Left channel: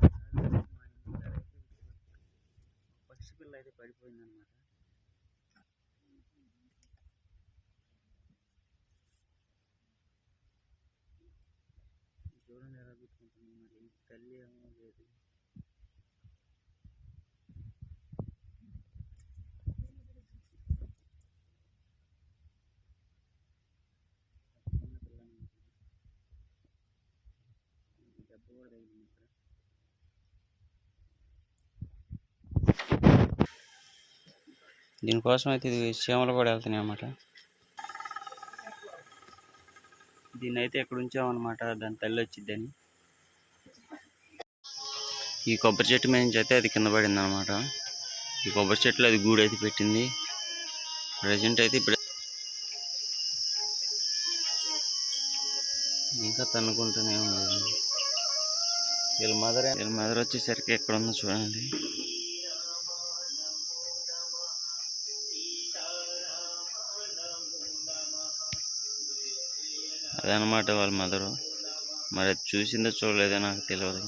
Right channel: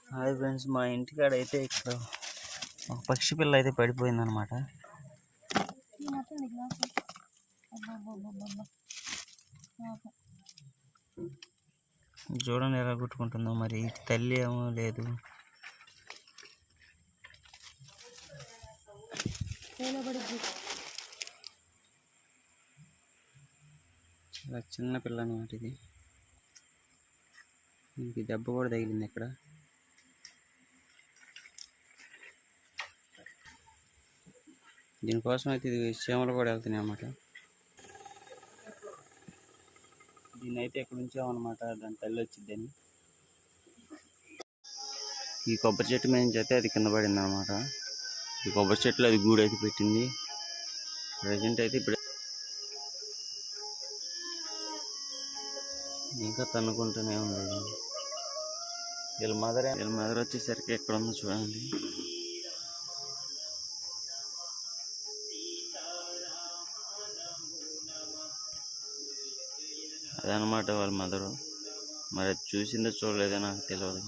Hi friends మా ఇంటికాడ అయితే ఇక్కడ ఒక పక్షి పిల్ల అయితే పడిపోయిందనమాట చూడండి ఎలా కుట్టుకుంటుందో మరి ఇటు తల్లి ఏమో లేదు. చాలా చిన్న పిల్ల అనమాట ఇది. దీనికి దెబ్బ కూడా తగిలింది ఇక్కడ. దీనికోసం అయితే ఇది చీమలు కూడా వెళ్తున్నాయి అన్నమాట. దీన్ని అయితే ఎక్కడ ఉంచామన్నమాట దాని తల్లి వచ్చిద్దని. ఈ కొబ్బరి చెట్టు మీద నుంచి అయితే అది కింద పడింది అనమాట ఈ కొబ్బరి చెట్లు అది గూడు అయితే పెట్టింది. ప్రజెంట్ అయితే ఇప్పుడు. ఇంకా తన్నుకుంటూనే ఉంది. వీళ్ళ మదర్ వీళ్ళ మదర్ వచ్చేసరికి ఎక్కడ ఉందో చూడండి. అదనమాట వాళ్ళ మదరు. మరి అది చూసిందో చూడలేదో నాకు తెలియదు